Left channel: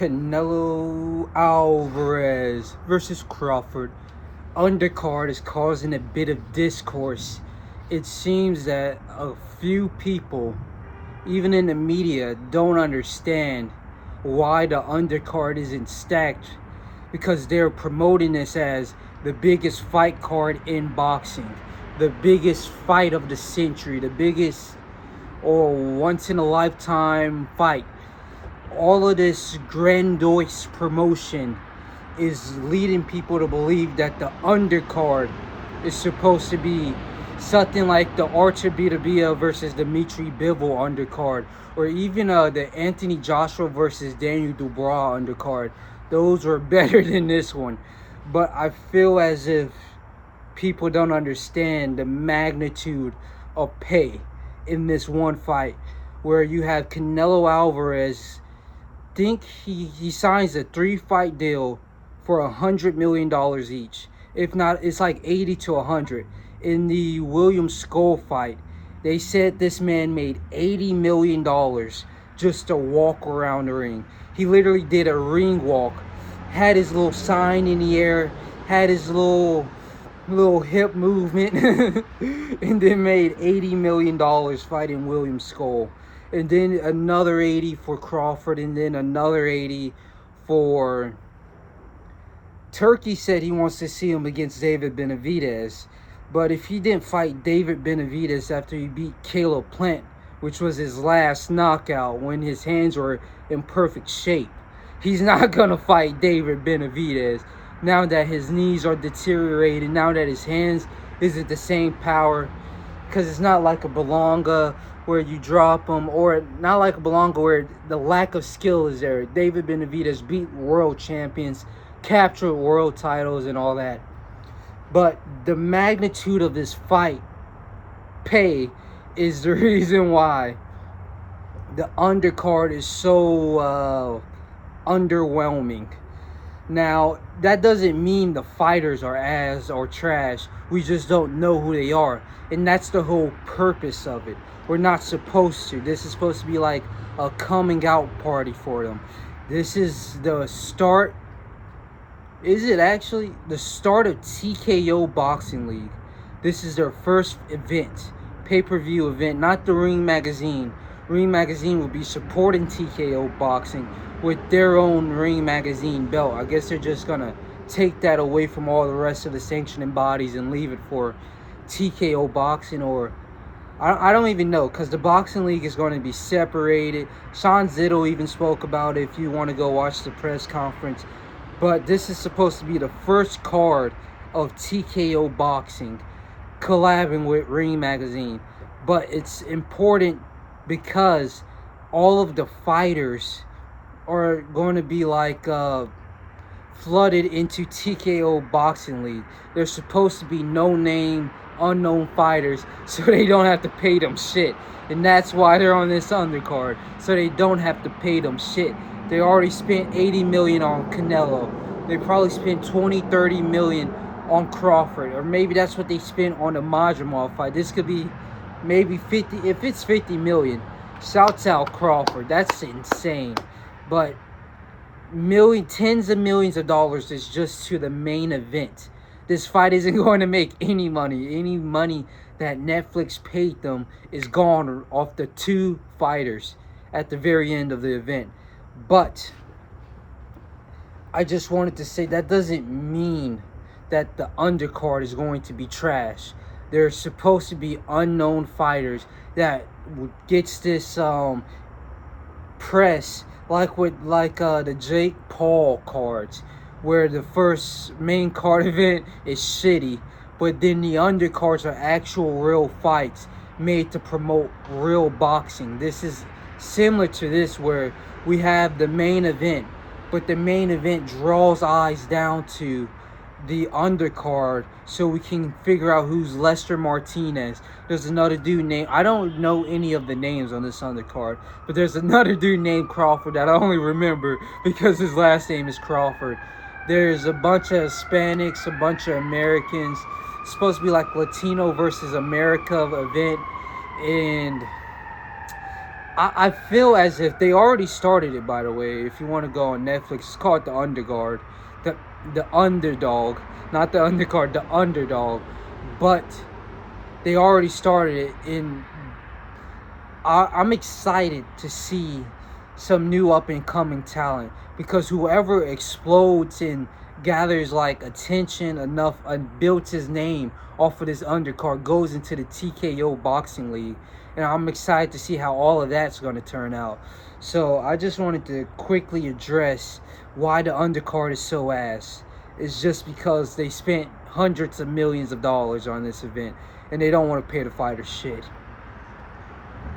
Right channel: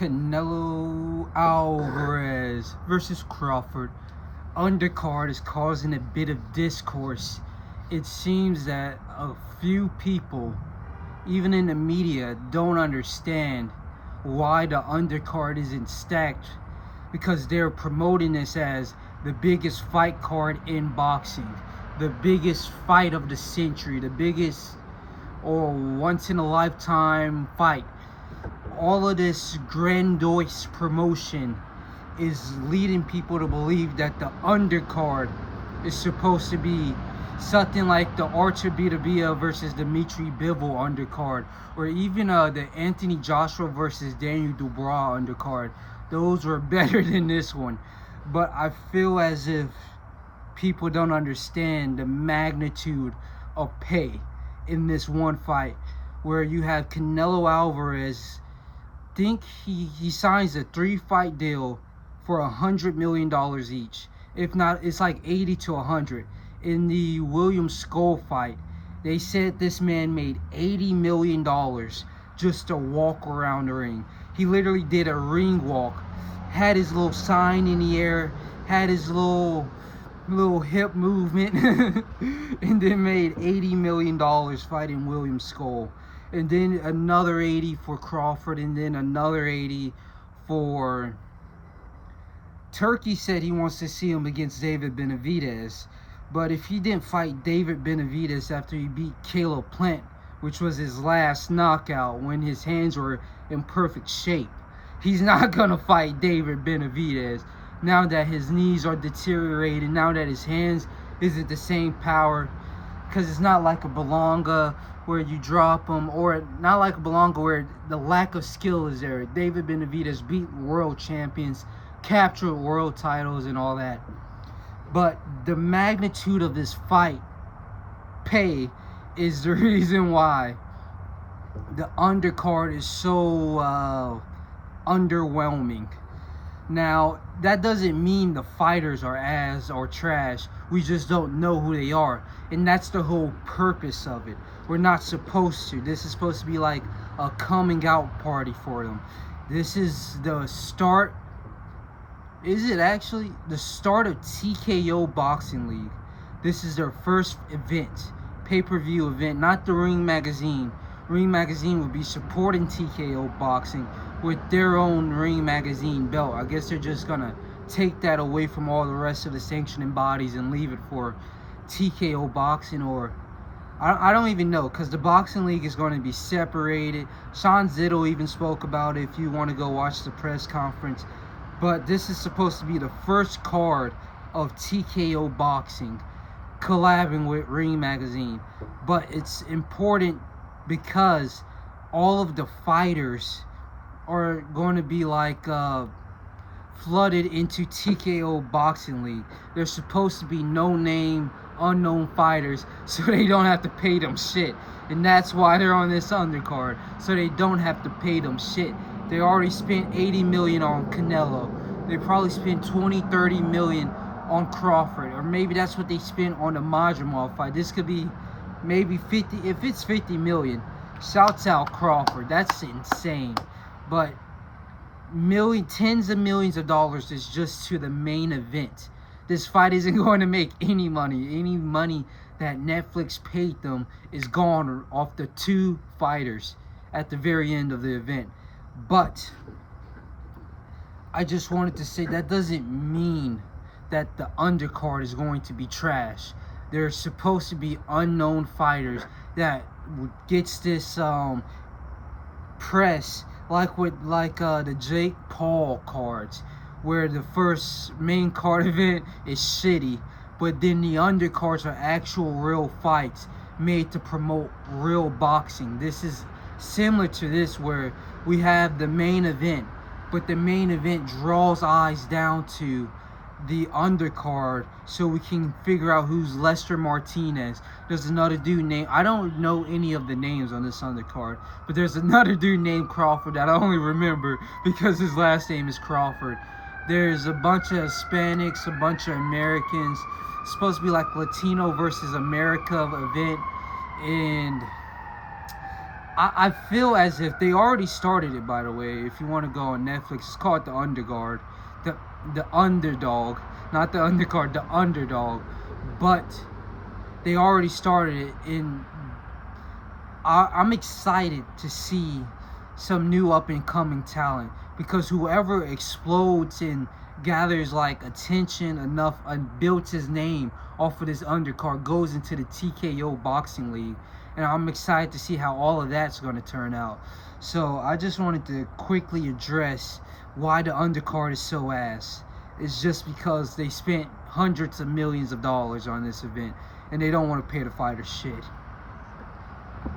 Canelo Alvarez versus Crawford. Undercard is causing a bit of discourse. It seems that a few people, even in the media, don't understand why the undercard isn't stacked, because they're promoting this as the biggest fight card in boxing, the biggest fight of the century, the biggest or once in a lifetime fight. All of this grandiose promotion is leading people to believe that the undercard is supposed to be something like the Artur Beterbiev versus Dimitri Bivol undercard, or even the Anthony Joshua versus Daniel Dubois undercard. Those were better than this one. But I feel as if people don't understand the magnitude of pay in this one fight, where you have Canelo Alvarez. Think he signs a 3-fight deal for $100 million each. If not, it's like 80 to 100. In the William Skull fight, they said this man made $80 million just to walk around the ring. He literally did a ring walk, had his little sign in the air, had his little hip movement, and then made $80 million fighting William Skull. And then another 80 for Crawford, and then another 80 for Turkey. Said he wants to see him against David Benavidez. But if he didn't fight David Benavidez after he beat Caleb Plant, which was his last knockout when his hands were in perfect shape, he's not gonna fight David Benavidez now that his knees are deteriorated, now that his hands isn't the same power. Because it's not like a Berlanga where you drop him, or not like a Berlanga where the lack of skill is there. David Benavidez beat world champions, captured world titles and all that. But the magnitude of this fight pay is the reason why the undercard is so underwhelming. Now, that doesn't mean the fighters are ass or trash. We just don't know who they are. And that's the whole purpose of it. We're not supposed to. This is supposed to be like a coming out party for them. This is the start. Is it actually the start of TKO Boxing League? This is their first event, pay-per-view event, not the Ring Magazine. Ring Magazine will be supporting TKO Boxing with their own Ring Magazine belt. I guess they're just gonna take that away from all the rest of the sanctioning bodies and leave it for TKO Boxing, or I don't even know, because the Boxing League is going to be separated. Sean Zittle even spoke about it if you want to go watch the press conference. But this is supposed to be the first card of TKO Boxing collabing with Ring Magazine. But it's important because all of the fighters are going to be like flooded into TKO Boxing League. There's supposed to be no name, unknown fighters, so they don't have to pay them shit. And that's why they're on this undercard, so they don't have to pay them shit. They already spent $80 million on Canelo. They probably spent 20, 30 million on Crawford, or maybe that's what they spent on the Majumov fight. This could be maybe 50. If it's 50 million, shouts out Crawford. That's insane. But tens of millions of dollars is just to the main event. This fight isn't going to make any money. Any money that Netflix paid them is gone off the two fighters at the very end of the event. But I just wanted to say that doesn't mean that the undercard is going to be trash. There's supposed to be unknown fighters that gets this press, like with the Jake Paul cards, where the first main card event is shitty, but then the undercards are actual real fights made to promote real boxing. This is similar to this, where we have the main event, but the main event draws eyes down to the undercard so we can figure out who's Lester Martinez. There's another dude named, I don't know any of the names on this undercard, but there's another dude named Crawford that I only remember because his last name is Crawford. There's a bunch of Hispanics, a bunch of Americans. It's supposed to be like Latino versus America event. And I feel as if they already started it, by the way. If you want to go on Netflix, it's called the Undercard. The the underdog. Not the undercard, the underdog. But they already started it in I'm excited to see some new up and coming talent, because whoever explodes and gathers like attention enough and builds his name off of this undercard goes into the TKO boxing league, and I'm excited to see how all of that's going to turn out. So I just wanted to quickly address why the undercard is so ass. It's just because they spent hundreds of millions of dollars on this event and they don't want to pay the fighters shit.